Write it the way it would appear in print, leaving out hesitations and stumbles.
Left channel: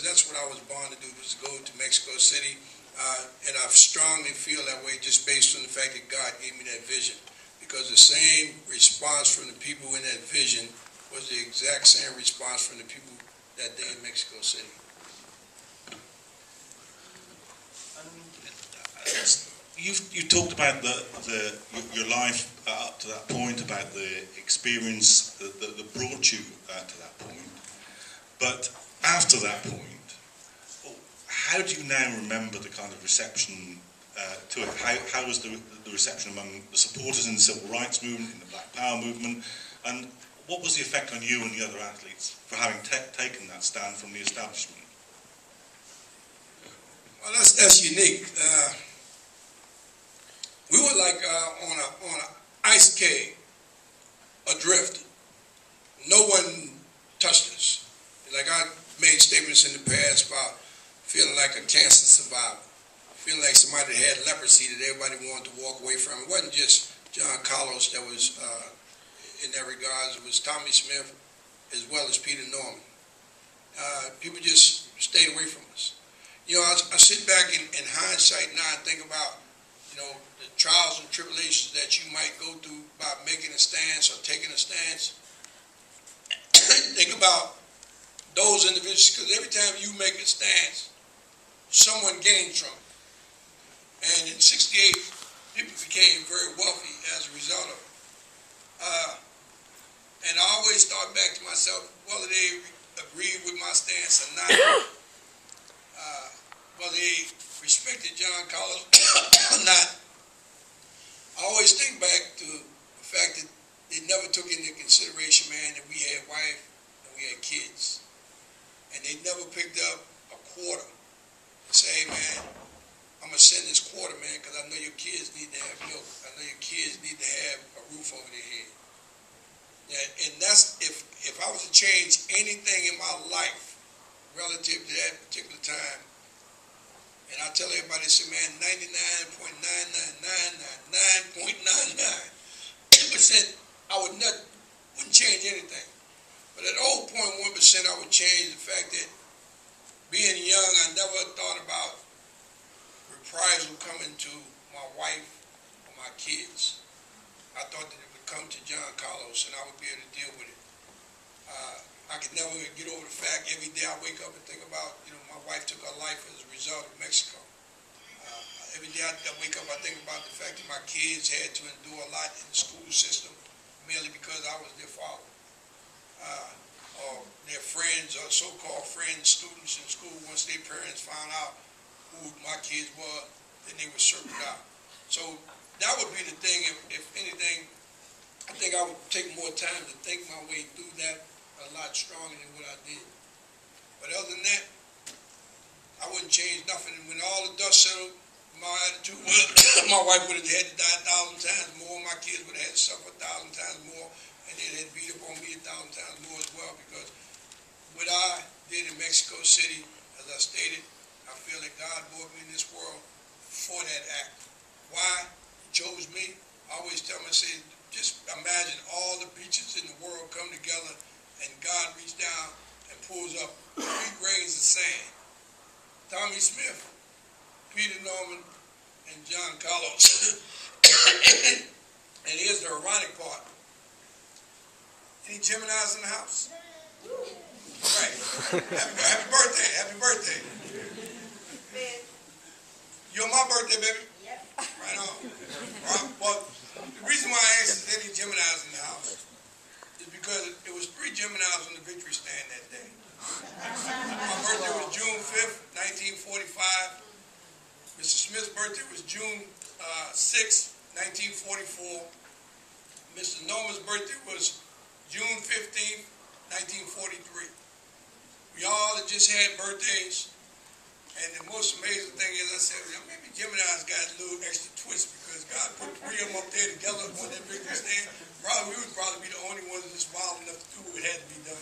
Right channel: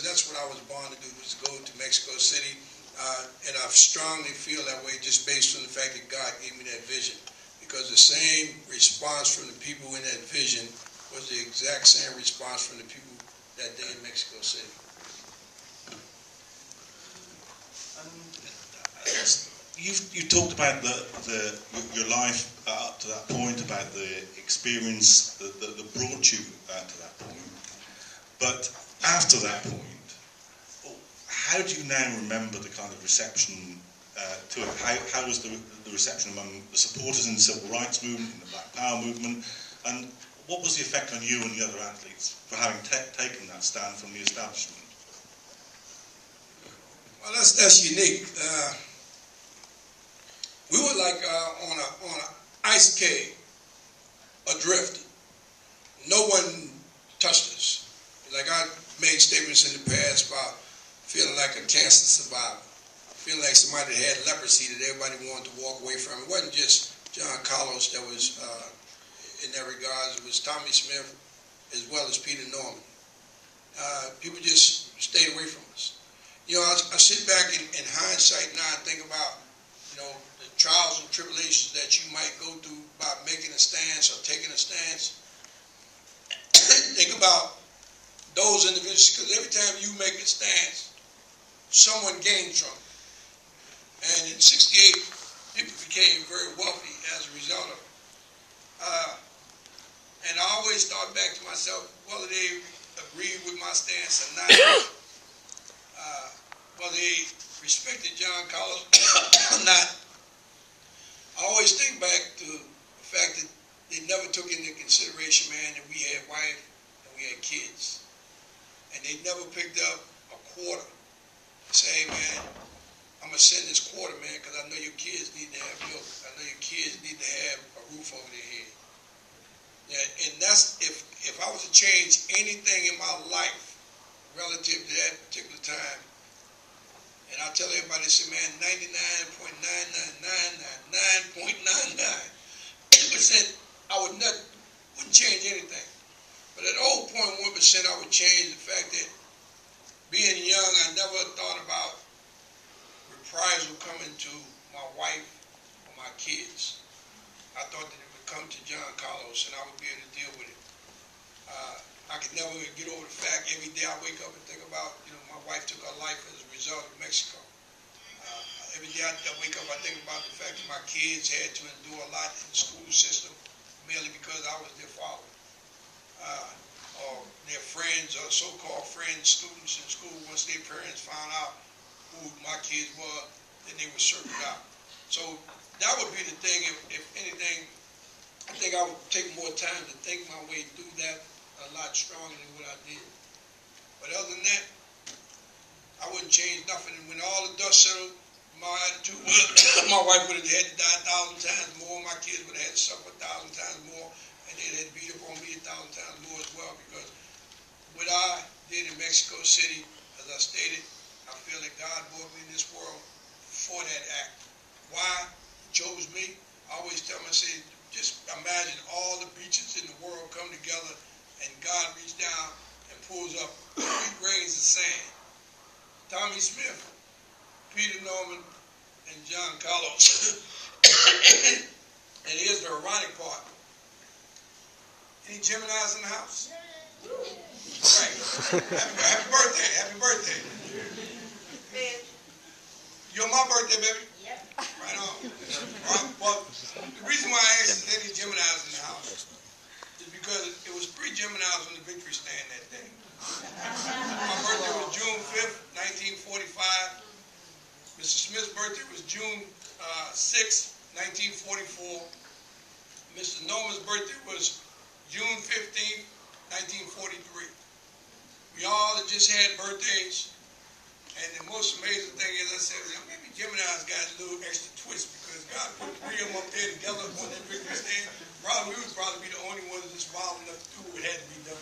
because that's what I was born to do, was to go to Mexico City. And I strongly feel that way just based on the fact that God gave me that vision. Because the same response from the people in that vision was the exact same response from the people that day in Mexico City. You talked about your life up to that point, about the experience that brought you to that point. But after that point, how do you now remember the kind of reception to it? How was the reception among the supporters in the civil rights movement, in the Black Power movement, and what was the effect on you and the other athletes for having taken that stand from the establishment? Well, that's unique. We were like on an ice cave, adrift. No one touched us. Like I made statements in the past about feeling like a cancer survivor, feeling like somebody that had leprosy that everybody wanted to walk away from. It wasn't just John Carlos that was in that regard. It was Tommy Smith as well as Peter Norman. People just stayed away from us. You know, I sit back in hindsight now and think about, you know, the trials and tribulations that you might go through by making a stance or taking a stance. Think about those individuals, because every time you make a stance, someone gained from it. And in '68, people became very wealthy as a result of it. And I always thought back to myself, whether they agreed with my stance or not, whether they respected John Carlos or not, I always think back to the fact that they never took into consideration, man, that we had wife and we had kids. And they never picked up a quarter to say, hey, man, I'm going to send this quarter, man, because I know your kids need to have milk. I know your kids need to have a roof over their head. Yeah, and that's, if I was to change anything in my life relative to that particular time, and I tell everybody, I say, man, 99.99999.99% I wouldn't change anything. But at 0.1%, I would change the fact that being young, I never thought about reprisal coming to my wife or my kids. I thought that it would come to John Carlos and I would be able to deal with it. I could never get over the fact every day I wake up and think about, you know, my wife took her life as a result of Mexico. Every day I wake up, I think about the fact that my kids had to endure a lot in the school system merely because I was their father. Or their friends or so-called friends, students in school, once their parents found out who my kids were, then they were circled out. So that would be the thing, if anything, I think I would take more time to think my way through that a lot stronger than what I did. But other than that, I wouldn't change nothing. And when all the dust settled, my attitude was, my wife would have had to die 1,000 times more, my kids would have had to suffer 1,000 times more, and they'd had to beat up on me 1,000 times more as well, because what I did in Mexico City, as I stated, I feel that God brought me in this world for that act. Why? He chose me. I always tell them, I say, just imagine all the beaches in the world come together and God reaches down and pulls up 3 grains of sand. Tommy Smith, Peter Norman, and John Carlos. And here's the ironic part. Any Geminis in the house? Right. Happy birthday. Happy birthday. You're my birthday, baby? Yep. Right on. Well, the reason why I asked is any Geminis in the house is because it was 3 Geminis on the victory stand that day. My birthday was June 5th, 1945. Mr. Smith's birthday was June 6th, 1944. Mr. Norman's birthday was June 15th, 1943. We all had just had birthdays. And the most amazing thing is, I said, maybe Gemini's got a little extra twist because God put 3 of them up there together on that victory stand. Probably we would probably be the only ones that's wild enough to do what had to be done.